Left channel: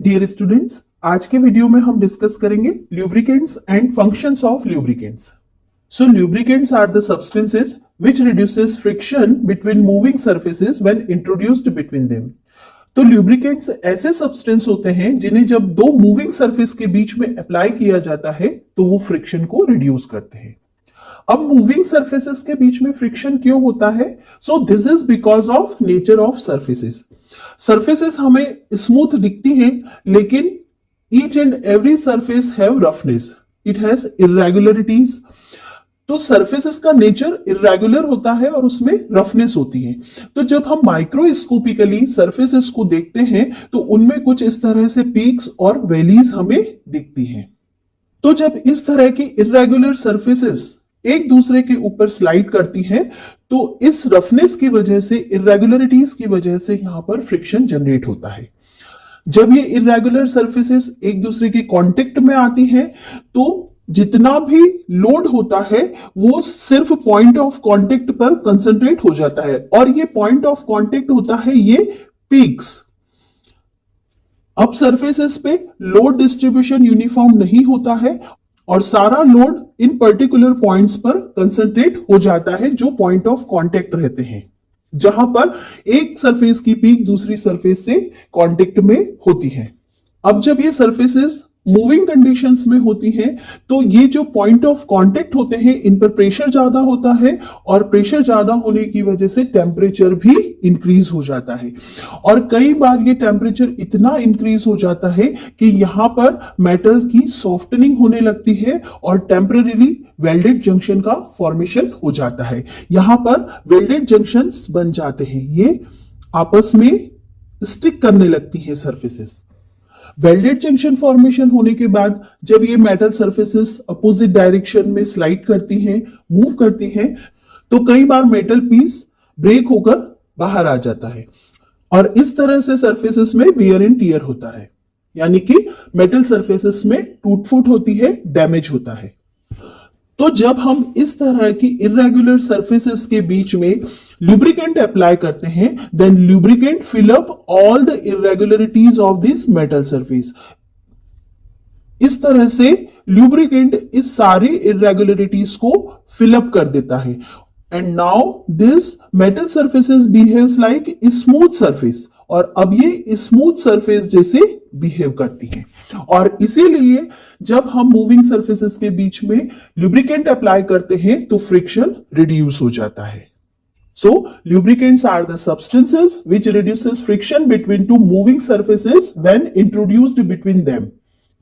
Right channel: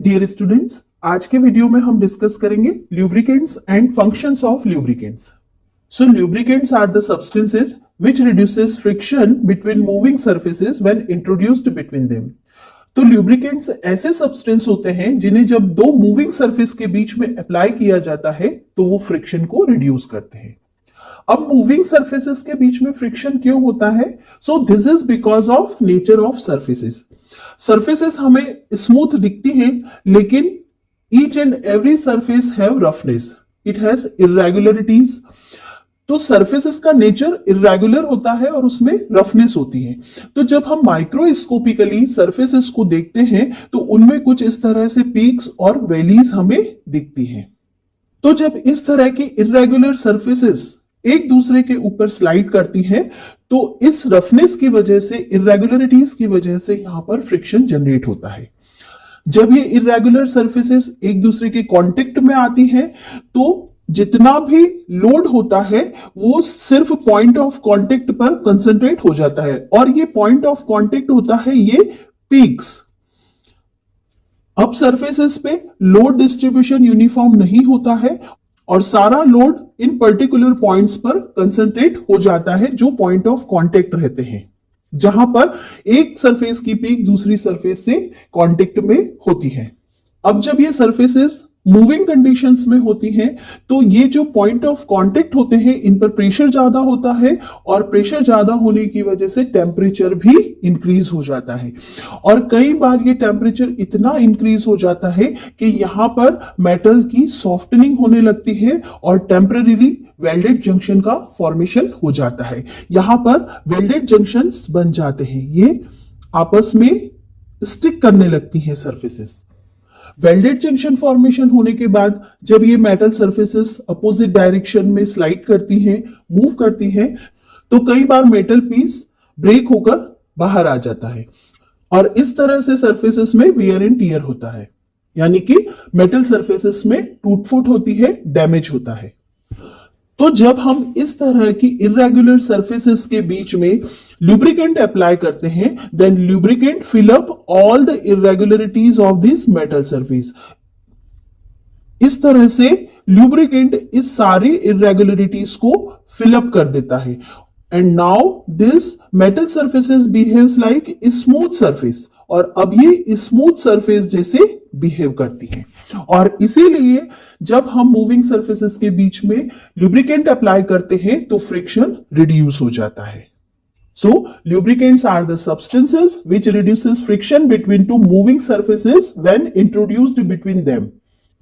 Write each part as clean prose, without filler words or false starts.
Dear students, आज के video में हम डिस्कस करेंगे lubricants and functions of lubricants. So lubricants are the substances which reduces friction between moving surfaces when introduced between them. तो lubricants ऐसे substance होते हैं जिन्हें जब दो मूविंग सरफेस के बीच में अप्लाई किया जाता है तो वो फ्रिक्शन को रिड्यूस करते हैं। अब मूविंग सरफेसेस के बीच में फ्रिक्शन क्यों होता है? So this is because of nature of surfaces. Surfaces हमें स्मूथ दिखती हैं, लेकिन each and every surface have roughness, it has irregularities. तो सरफेसेस का नेचर इरेगुलर होता है और उसमें रफनेस होती है। तो जब हम माइक्रोस्कोपिकली सरफेसेस को देखते हैं तो उनमें कुछ इस तरह से पीक्स और वैलीज हमें दिखती हैं। तो जब इस तरह की इरेगुलर सरफेसेस एक दूसरे के ऊपर स्लाइड करती हैं तो इस रफनेस की वजह से, इरेगुलरिटीज की वजह से यहां पर फ्रिक्शन जनरेट होता है। जब ये इरेगुलर सरफेसेस एक दूसरे के कांटेक्ट में आती हैं तो जितना भी लोड होता है वो सिर्फ पॉइंट ऑफ कांटेक्ट पर कंसंट्रेट हो जाता है, और ये पॉइंट ऑफ कांटेक्ट होता है ये पीक्स। अब सरफेसेस पे लोड डिस्ट्रीब्यूशन यूनिफॉर्म नहीं होता है और सारा लोड इन पर्टिकुलर पॉइंट्स पर कंसंट्रेट हो जाता है जो पॉइंट ऑफ कांटेक्ट रहते हैं, जहां पर एक सरफेस की पीक दूसरी सरफेस से कांटेक्ट में होती है। अब जब ये सरफेसेस मूविंग कंडीशंस में होती हैं तो ये जो पॉइंट ऑफ कांटेक्ट होते हैं इन पर प्रेशर ज्यादा होता है, और प्रेशर ज्यादा होने की वजह से टेम्परेचर भी इंक्रीज हो जाता है। और कई बार ये टेम्परेचर इतना इंक्रीज हो जाता है कि यहां पर मेटल की सॉफ्टनिंग होने लगती है और टेम्परेरीली वेल्डेड जंक्शन का फॉर्मेशन हो जाता है। यहां पर वेल्डेड जंक्शंस बन जाते हैं, ये आपस में स्टिक करने लगती है सरफेसेस। वेल्डेड जंक्शन फॉर्मेशन होने के बाद जब ये मेटल सरफेसेस अपोजिट डायरेक्शन में स्लाइड करती हैं, मूव करती हैं, तो कई बार मेटल पीस ब्रेक होकर बाहर आ जाता है और इस तरह से सरफेसेस में वियर एंड टियर होता है, यानी कि मेटल सरफेसेस में टूट फूट होती है, डैमेज होता है। तो जब हम इस तरह की इरेगुलर सरफेसेस के बीच में लुब्रिकेंट अप्लाई करते हैं, then lubricant fill up all the irregularities of this metal surface. इस तरह से लुब्रिकेंट इस सारी इरेगुलरिटीज को फिल अप कर देता है, and now this metal surfaces behaves like smooth surface, और अब ये स्मूथ सरफेस जैसे बिहेव करती हैं। और इसीलिए जब हम मूविंग सरफेसेस के बीच में लुब्रिकेंट अप्लाई करते हैं तो फ्रिक्शन रिड्यूस हो जाता है। So lubricants are the substances which reduces friction between two moving surfaces when introduced between them.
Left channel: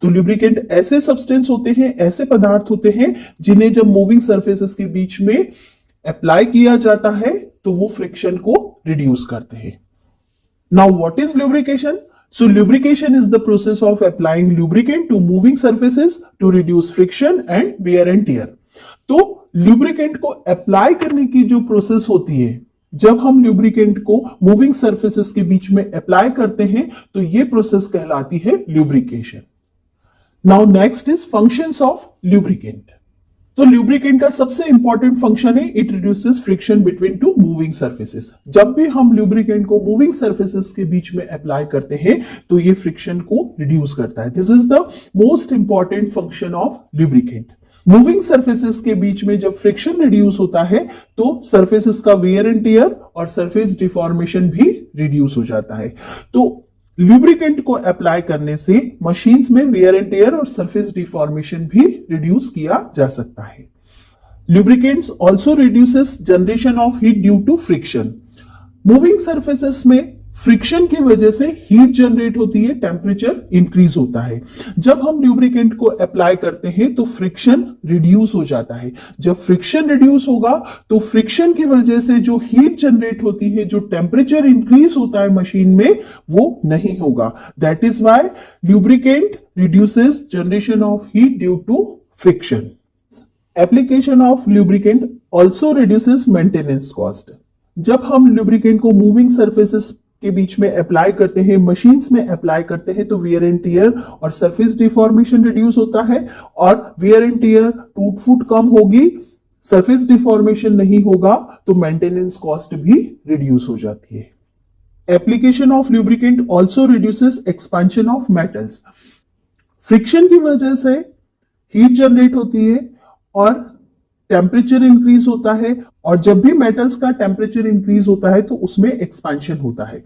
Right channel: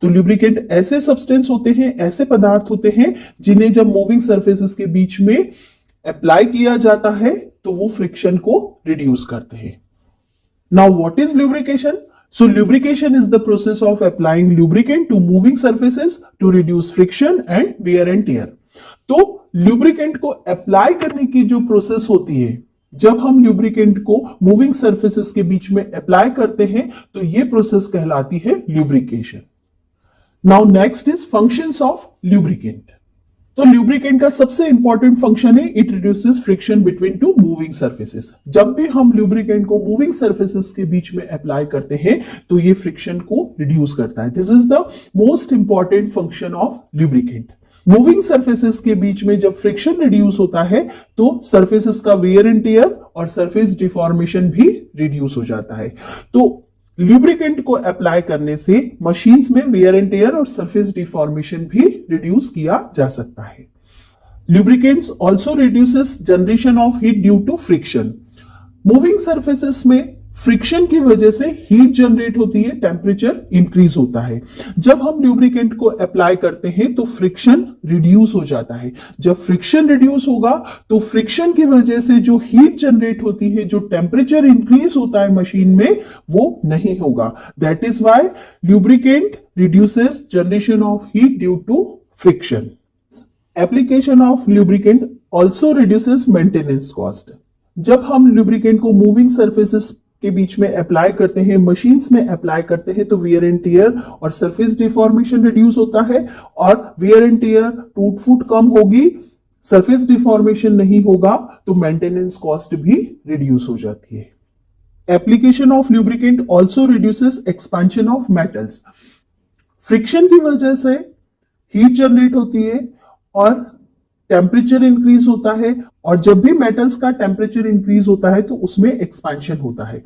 तो lubricant ऐसे सब्सटेंस होते हैं, ऐसे पदार्थ होते हैं जिन्हें जब मूविंग सरफेसेस के बीच में अप्लाई किया जाता है तो वो फ्रिक्शन को रिड्यूस करते हैं। Now what is lubrication? So lubrication is the process of applying lubricant to moving surfaces to reduce friction and wear and tear. तो lubricant को अप्लाई करने की जो प्रोसेस होती है, जब हम lubricant को मूविंग सरफेसेस के बीच में अप्लाई करते हैं तो ये प्रोसेस कहलाती है lubrication. Now next is functions of lubricant. तो लुब्रिकेंट का सबसे इंपॉर्टेंट फंक्शन है it reduces friction between two moving surfaces. जब भी हम लुब्रिकेंट को मूविंग सरफेसेस के बीच में अप्लाई करते हैं तो ये फ्रिक्शन को रिड्यूस करता है। This is the most important function of lubricant. Moving surfaces के बीच में जब फ्रिक्शन रिड्यूस होता है तो सरफेसेस का वेयर एंड टियर और सरफेस डिफॉर्मेशन भी रिड्यूस हो जाता है। तो लुब्रिकेंट को अप्लाई करने से मशीन्स में वेयर एंड टियर और सरफेस डिफॉर्मेशन भी रिड्यूस किया जा सकता है। Lubricants also reduces generation of heat due to friction. Moving surfaces में फ्रिक्शन की वजह से हीट जनरेट होती है, टेम्परेचर इंक्रीज होता है। जब हम लुब्रिकेंट को अप्लाई करते हैं तो फ्रिक्शन रिड्यूस हो जाता है। जब फ्रिक्शन रिड्यूस होगा तो फ्रिक्शन की वजह से जो हीट जनरेट होती है, जो टेम्परेचर इंक्रीज होता है मशीन में, वो नहीं होगा। That is why lubricant reduces generation of heat due to friction. Application of lubricant also reduces maintenance cost. जब हम लुब्रिकेंट को मूविंग सरफेसेस के बीच में अप्लाई करते हैं, मशीन्स में अप्लाई करते हैं, तो वियर एंड टियर और सरफेस डिफॉर्मेशन रिड्यूस होता है, और वियर एंड टियर टूट फूट कम होगी, सरफेस डिफॉर्मेशन नहीं होगा, तो मेंटेनेंस कॉस्ट भी रिड्यूस हो जाती है। Application of lubricant also reduces expansion of metals. Friction की वजह से हीट जनरेट होती है और टेम्परेचर इंक्रीज होता है, और जब भी मेटल्स का टेम्परेचर इंक्रीज होता है तो उसमें एक्सपांशन होता है।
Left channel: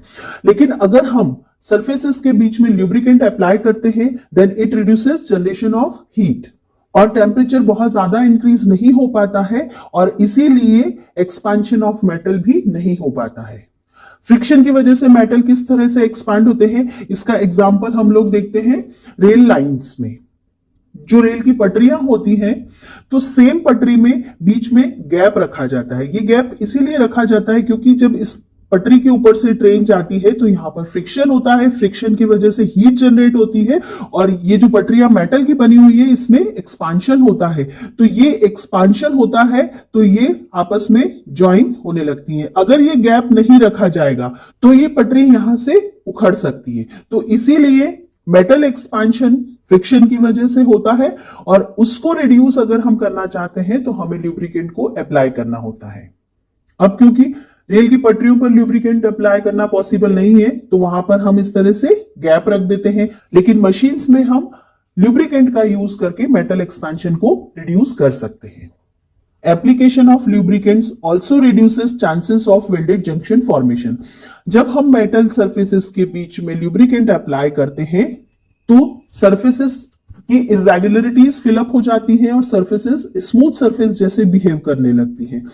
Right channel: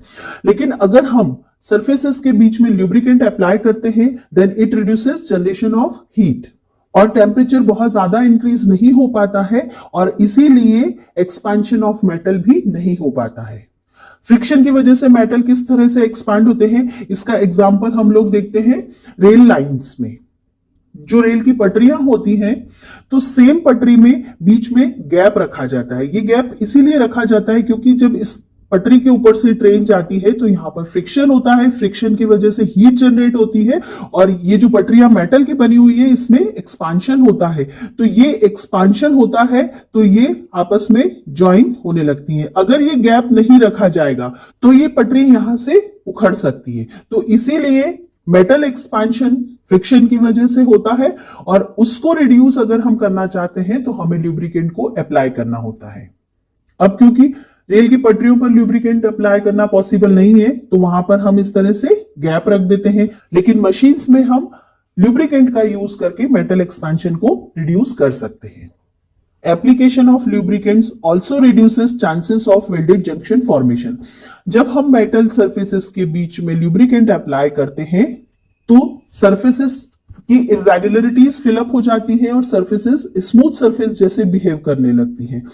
लेकिन अगर हम सरफेसेस के बीच में ल्यूब्रिकेंट अप्लाई करते हैं then it reduces generation of heat, और टेम्परेचर बहुत ज्यादा इंक्रीज नहीं हो पाता है, और इसीलिए एक्सपांशन ऑफ मेटल भी नहीं हो पाता है। फ्रिक्शन की वजह से मेटल किस तरह से एक्सपांड होते हैं, इसका एग्जांपल हम लोग देखते हैं रेल लाइंस में। जो रेल की पटरियां होती हैं तो सेम पटरी में बीच में गैप रखा जाता है। ये गैप इसीलिए रखा जाता है क्योंकि जब इस पटरी के ऊपर से ट्रेन जाती है तो यहां पर फ्रिक्शन होता है, फ्रिक्शन की वजह से हीट जनरेट होती है, और ये जो पटरियां मेटल की बनी हुई है इसमें एक्सपांशन होता है। तो ये एक्सपांशन होता है तो ये आपस में ज्वाइन होने लगती हैं। अगर ये गैप नहीं रखा जाएगा तो ये पटरी यहां से उखड़ सकती है। तो इसीलिए मेटल एक्सपांशन फ्रिक्शन की वजह से होता है, और उसको रिड्यूस अगर हम करना चाहते हैं तो हमें ल्यूब्रिकेंट को अप्लाई करना होता है। अब क्योंकि रेल की पटरियों पर ल्यूब्रिकेंट अप्लाई करना पॉसिबल नहीं है तो वहां पर हम इस तरह से गैप रख देते हैं, लेकिन मशीन्स में हम ल्यूब्रिकेंट का यूज करके मेटल एक्सपांशन को रिड्यूस कर सकते हैं। Application of lubricants also reduces chances of welded junction formation. जब हम मेटल सर्फेसेस के बीच में ल्यूब्रिकेंट अप्लाई करते हैं तो सर्फेसेस की इरेगुलरिटीज फिलअप हो जाती हैं और सर्फेसेस स्मूथ सर्फेस जैसे बिहेव करने लगती हैं,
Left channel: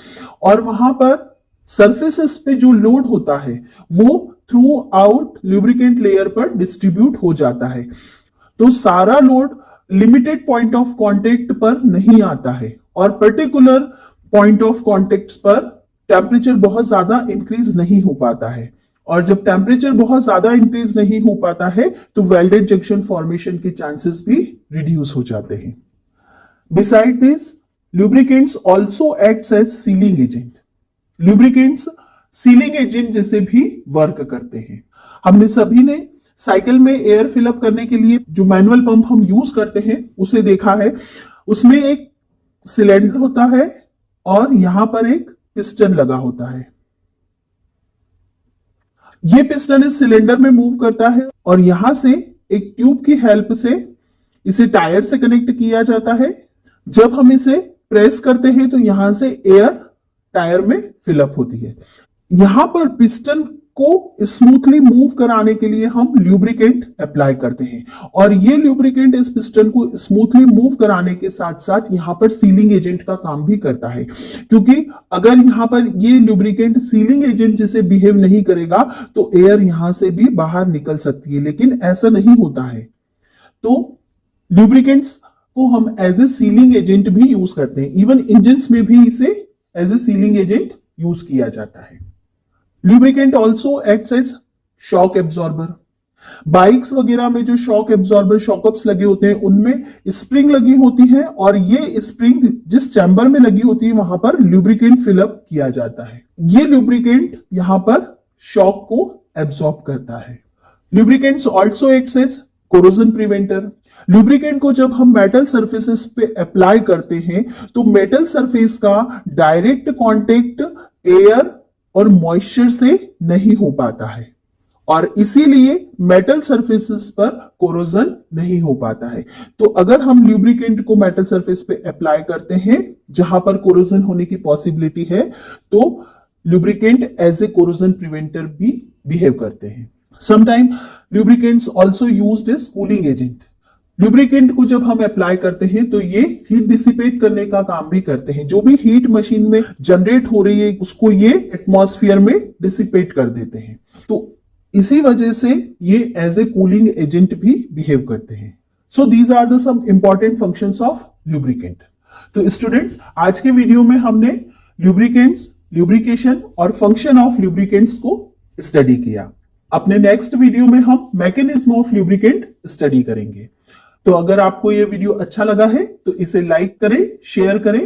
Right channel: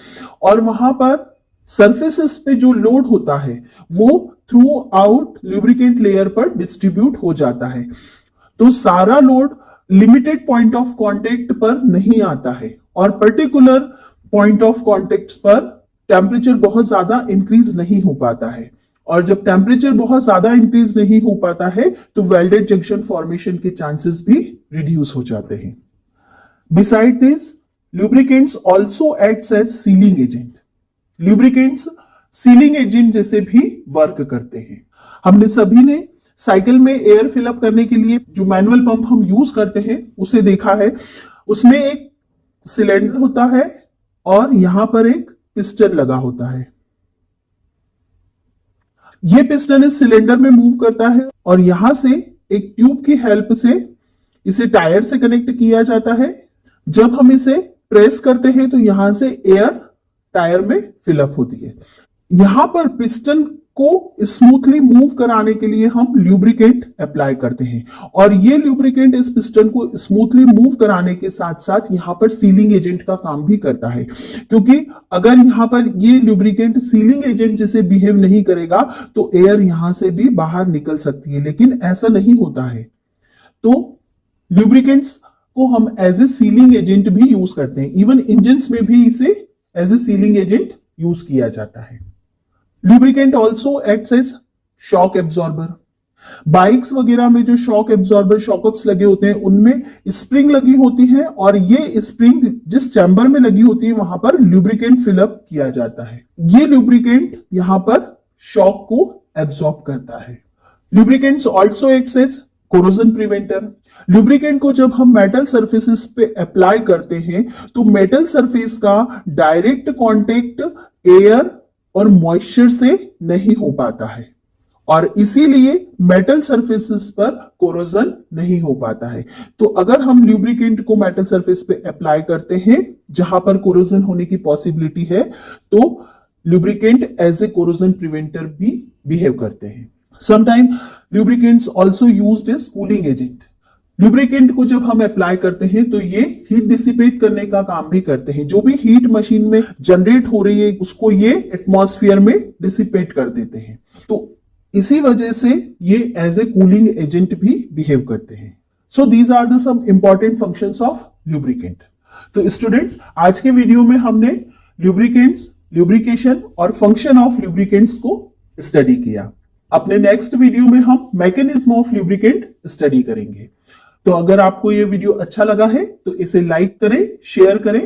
और वहां पर सर्फेसेस पे जो लोड होता है वो थ्रू आउट ल्यूब्रिकेंट लेयर पर डिस्ट्रीब्यूट हो जाता है। तो सारा load limited point of contact पर नहीं आता है, और पर्टिकुलर पॉइंट ऑफ कांटेक्ट पर टेम्परेचर बहुत ज्यादा इंक्रीज नहीं हो पाता है, और जब टेम्परेचर बहुत ज्यादा इंक्रीज नहीं हो पाता है तो वेल्डेड जंक्शन फॉर्मेशन के चांसेस भी रिड्यूस हो जाते हैं। Beside this lubricants also acts as sealing agent. Lubricants sealing agent जैसे भी वर्क करते हैं। हमने सभी ने साइकिल में एयर फिलअप करने के लिए जो मैनुअल पंप हम यूज करते हैं उसे देखा है। उसमें एक सिलेंडर होता है और यहां पर एक पिस्टन लगा होता है। ये पिस्टन इस सिलेंडर में मूव करता है और यहां से एक ट्यूब की हेल्प से इसे टायर से कनेक्ट किया जाता है। जब हम इसे प्रेस करते हैं तो यहां से एयर टायर में फिलअप होती है। यहां पर पिस्टन को स्मूथली मूव कराने के लिए हम ल्यूब्रिकेंट अप्लाई करते हैं, और ये ल्यूब्रिकेंट इस पिस्टन को स्मूथली मूव कराने के साथ साथ यहां पर सीलिंग एजेंट का काम भी करता है, क्योंकि अगर यहां पर ये ल्यूब्रिकेंट सीलिंग एजेंट जैसे बिहेव नहीं करेगा तो एयर यहां से भी बाहर निकल सकती है, लेकिन ऐसा नहीं होता है। तो ल्यूब्रिकेंट्स को हम एज ए सीलिंग एजेंट भी यूज करते हैं। इवन इंजन्स में भी इसे as a sealing agent use किया जाता है। Lubricant also acts as shock absorber. Bikes वगैरह में जो शॉक एब्जॉर्बर शॉकअप्स लगे होते हैं उनमें स्प्रिंग लगी होती है, और ये स्प्रिंग जिस चैम्बर में लगी होती है वहां पर ल्यूब्रिकेंट फिलअप किया जाता है। ये ल्यूब्रिकेंट यहां पर शॉक को एब्जॉर्ब करता है। Lubricants also acts as corrosion preventer. Lubricant को जब हम मेटल सरफेसेस पे अप्लाई करते हैं तो मेटल सरफेस का डायरेक्ट कांटेक्ट एयर और मॉइस्चर से नहीं हो पाता है, और इसीलिए मेटल सरफेसेस पर कोरोजन नहीं हो पाता है। तो अगर हम लुब्रिकेंट को मेटल सरफेस पे अप्लाई करते हैं जहां पर कोरोजन होने की पॉसिबिलिटी है तो lubricant as a corrosion preventer भी बिहेव करते हैं। Sometime lubricants also used as cooling agent. Lubricant को जब हम अप्लाई करते हैं तो ये हीट डिसिपेट करने का काम भी करते हैं। जो भी हीट मशीन में जनरेट हो रही है उसको ये एटमॉस्फेयर में डिसिपेट कर देते हैं, तो इसी वजह से ये एज ए कूलिंग एजेंट भी बिहेव करते हैं। So these are the some important functions of lubricant. तो स्टूडेंट्स, आज के वीडियो में हमने लुब्रिकेंट्स, लुब्रिकेशन और फंक्शन ऑफ लुब्रिकेंट्स को स्टडी किया। अपने नेक्स्ट वीडियो में हम मैकेनिज्म ऑफ लुब्रिकेंट स्टडी करेंगे। तो अगर आपको यह वीडियो अच्छा लगा है तो इसे लाइक करें, शेयर करें